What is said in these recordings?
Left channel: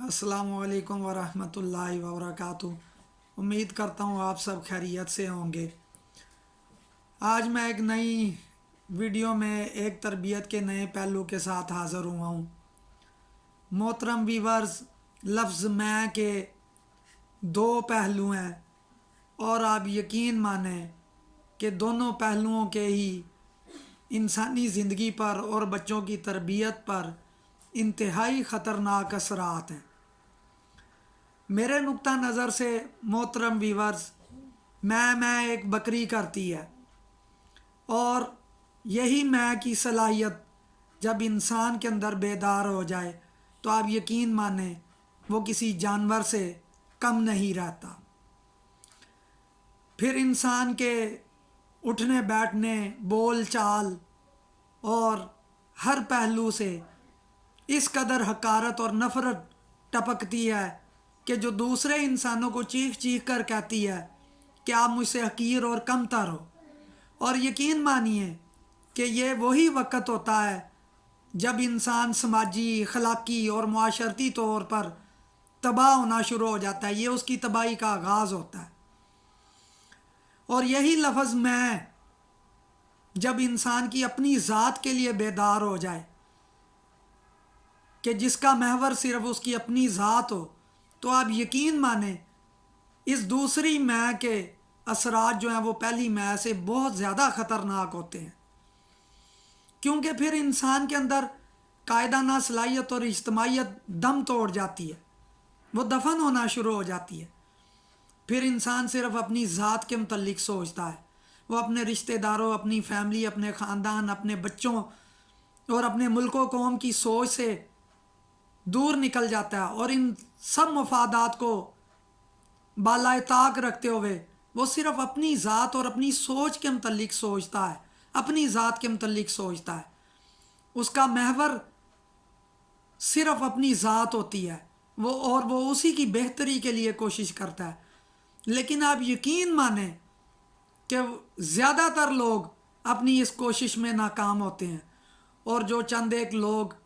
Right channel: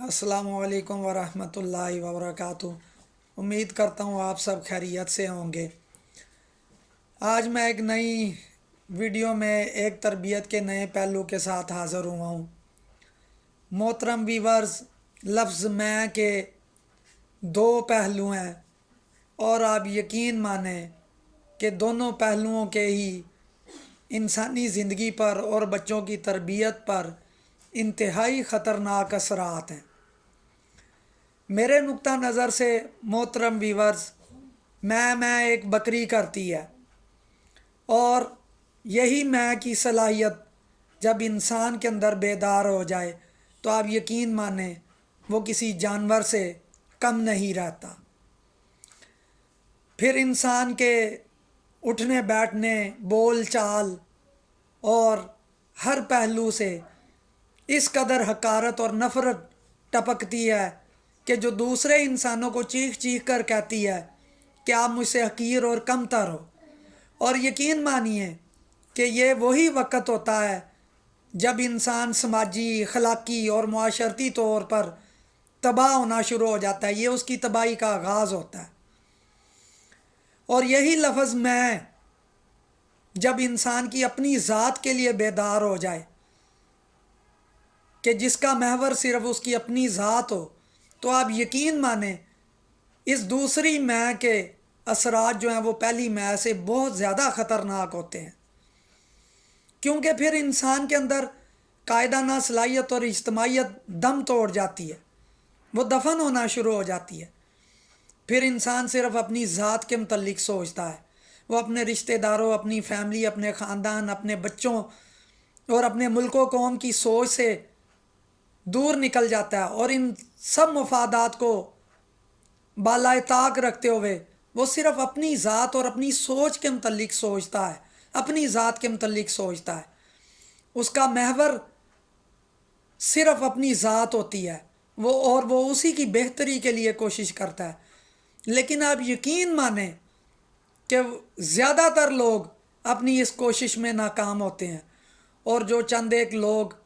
السلام علیکم ورحمۃ اللہ وبرکاتہ۔ امید کرتا ہوں آپ سب خیریت سے ہوں گے۔ آج میں ایک نئی ویڈیو میں ایک تربیت کے نئے پہلو کے ساتھ حاضر ہوا ہوں۔ محترم ویورز، لفظ میں کے دو پہلو ہیں اور آپ یقین مانیں کہ دونوں پہلوؤں کے ہی انسانی زندگی پر اور بچوں کی تربیت پر انتہائی خطرناک اثرات ہیں۔ میرے نقطہ نظر سے محترم ویورز، میں ایک بکری کرتی ہے، اور یہی میں کی صلاحیت جب انسان کے اندر بیدار ہو جائے تو آپ یقین مانیں وہ کسی جانور سے کم نہیں رہتا۔ پھر انسان کے اٹھنے بیٹھنے، بول چال اور ہر پہلو سے اس قدر حقارت اور نفرت ٹپکتی ہے کہ جو دوسرے انسانوں کو چیخ چیخ کر کہتی ہے کہ آپ مجھ سے حقیر اور کم تر ہو۔ اور یقین مانیے کہ یہ وہی وقت ہوتا ہے جب انسان سماجی، اخلاقی اور معاشرتی طور پر تباہ ہونا شروع ہو جاتا ہے۔ یہ اس کی تباہی کا آغاز ہوتا ہے۔ اور یہی لفظ میں جب انسان کی اپنی ذات کے لیے بیدار ہو جائے کہ جس کا محور صرف اس کی اپنی ذات ہو، تو آپ یقین مانیں اس دوسری میں کے اثرات جو ہیں وہ پہلی میں سے بہت زیادہ خطرناک ہوتے ہیں، کیونکہ پھر انسان کے اندر قائدانہ صلاحیت اور اجتماعیت دم توڑ جاتی ہے، وہ دفن ہونا شروع ہو جاتی ہے۔ پھر انسان صرف اپنی ذات کے متعلق سوچتا ہے، وہ اپنے رشتہ داروں، اپنی فیملی، اپنے خاندان، اپنے بچوں اور اپنے ملک و قوم کی سوچ سے دور نکل جاتا ہے، اور ان سب مفادات کو بالائے طاق رکھتے ہوئے وہ صرف اپنی ذات اور اپنی سوچ کے متعلق سوچتا ہے، اپنی ذات کے متعلق سوچتا ہے۔ اس کا محور صرف اپنی ذات ہوتی ہے، وہ اسی کی بہتری کے لیے کوشش کرتا ہے۔ لیکن آپ یقین مانیں کہ زیادہ تر لوگ اپنی اس کوشش میں ناکام ہوتے ہیں، اور جو چند ایک لوگ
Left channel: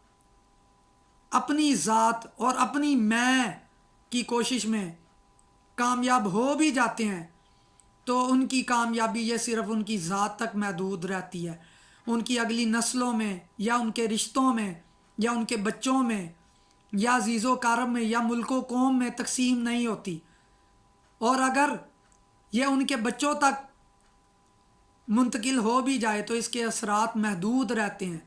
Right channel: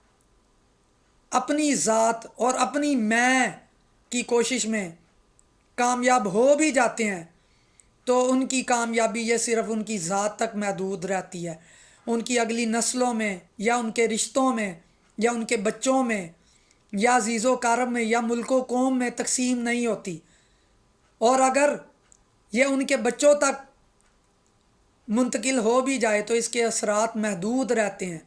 اپنی ذات اور اپنی میں کی کوشش میں کامیاب ہو بھی جاتے ہیں تو ان کی کامیابی یہ صرف ان کی ذات تک محدود رہتی ہے، ان کی اگلی نسلوں میں یا ان کے رشتوں میں یا ان کے بچوں میں یا عزیز و اقارب میں یا ملک و قوم میں تقسیم نہیں ہوتی۔ اور اگر یہ ان کے بچوں تک منتقل ہو بھی جائے تو اس کے اثرات محدود رہتے ہیں،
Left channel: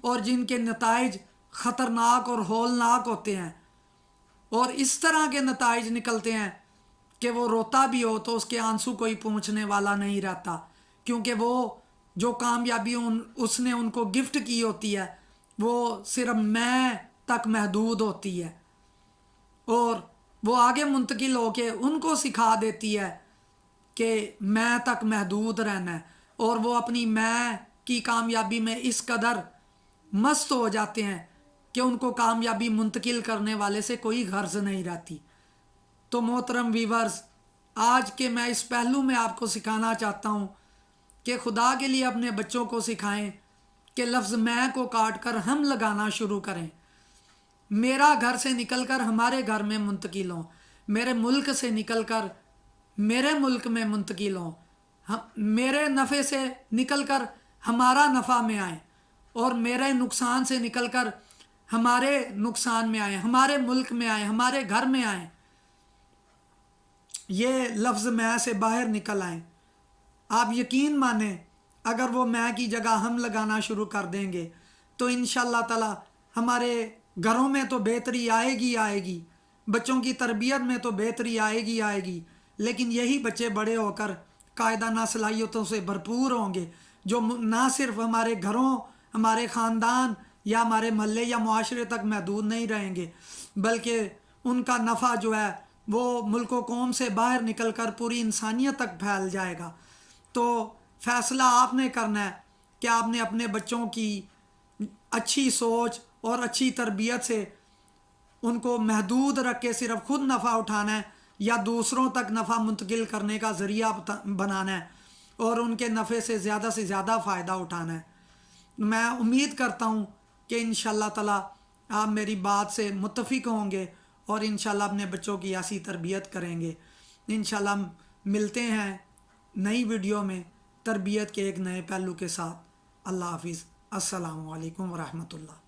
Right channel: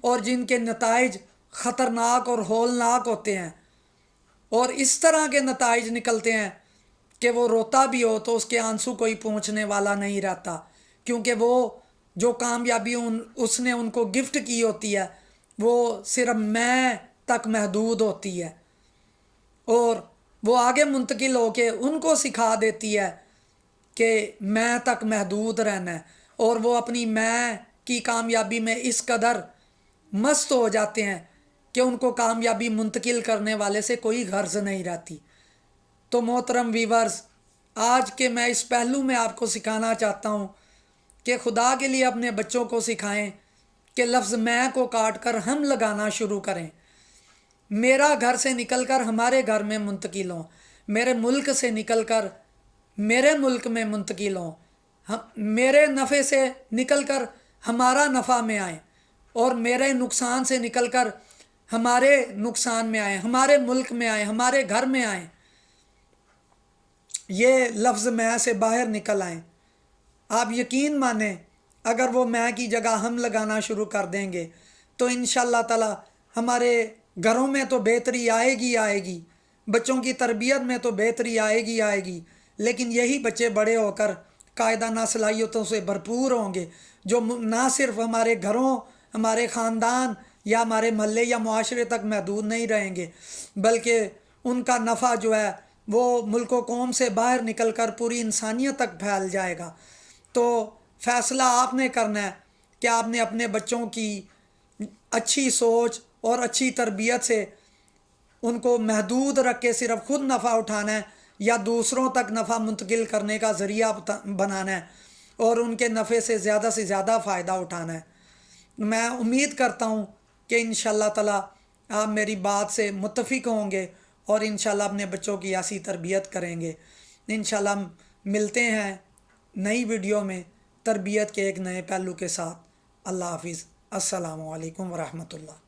اور جن کے نتائج خطرناک اور ہولناک ہوتے ہیں، اور اس طرح کے نتائج نکلتے ہیں کہ وہ روتا بھی ہو تو اس کے آنسو کوئی پہنچنے والا نہیں رہتا، کیونکہ وہ جو کامیابی اس نے ان کو گفٹ کی ہوتی ہے وہ صرف میں تک محدود ہوتی ہے، اور وہ آگے منتقل ہو کے ان کو سکھا دیتی ہے کہ میں تک محدود رہنا ہے، اور وہ اپنی میں کی کامیابی میں اس قدر مست ہو جاتے ہیں کہ ان کو کامیابی منتقل کرنے والے سے کوئی غرض نہیں رہتی۔ تو محترم ویورز، آج کے میں اس پہلو میں آپ کو سکھانا چاہتا ہوں کہ خدا کے لیے اپنے بچوں کو سکھائیں کہ لفظ میں کو کاٹ کر ہم لگانا شروع کریں، میرا گھر سے نکل کر ہمارے گھر میں منتقل ہوں، میرے ملک سے نکل کر میرے ملک میں منتقل ہوں، میرے نفع سے نکل کر ہمارا نفع میں آئیں، اور میرے نقصان سے نکل کر ہمارے نقصان میں آئیں، ہمارے ملک میں آئیں، ہمارے گھر میں آئیں، یہ لفظ میں سے باہر نکل آئیں۔ آپ یقین مانیں اگر وہ میں کی جگہ ہم لگانا شروع کر دیں گے تو انشاءاللہ تعالی ہمارے گھروں میں تو بہتری آئے گی، بچوں کی تربیت میں تو بہتری آئے گی، لیکن یہی بچے بڑے ہو کر قائدانہ صلاحیتوں سے بھرپور ہوں گے، جو نہ صرف ہمارے گھروں، ہمارے خاندان یا ہمارے محلے یا معاشرے تک محدود نہیں رہیں گے، بلکہ ان کا نفع جو ہے وہ ملک و قوم سے باہر نکل کر پوری انسانیت تک پھیل جائے گا۔ تو فیصلہ آپ نے کرنا ہے کہ آپ نے اپنے بچوں کی اچھی سوچ اور اچھی تربیت سے ان کو محدود رکھ کے صرف خود نفع اٹھانا ہے یا دوسروں تک نفع منتقل کرنے کا ذریعہ بنانا ہے، اور ان کے نفع سے زیادہ فائدہ اٹھانا ہے۔ میں امید کرتا ہوں کہ انشاءاللہ تعالی آپ میری بات سے متفق ہوں گے اور انشاءاللہ اپنے بچوں کی ایسی تربیت کریں گے۔ انشاءاللہ ہم ملتے ہیں نئی ویڈیو میں تربیت کے ایک نئے پہلو کے ساتھ۔ اللہ حافظ۔ السلام علیکم ورحمۃ اللہ۔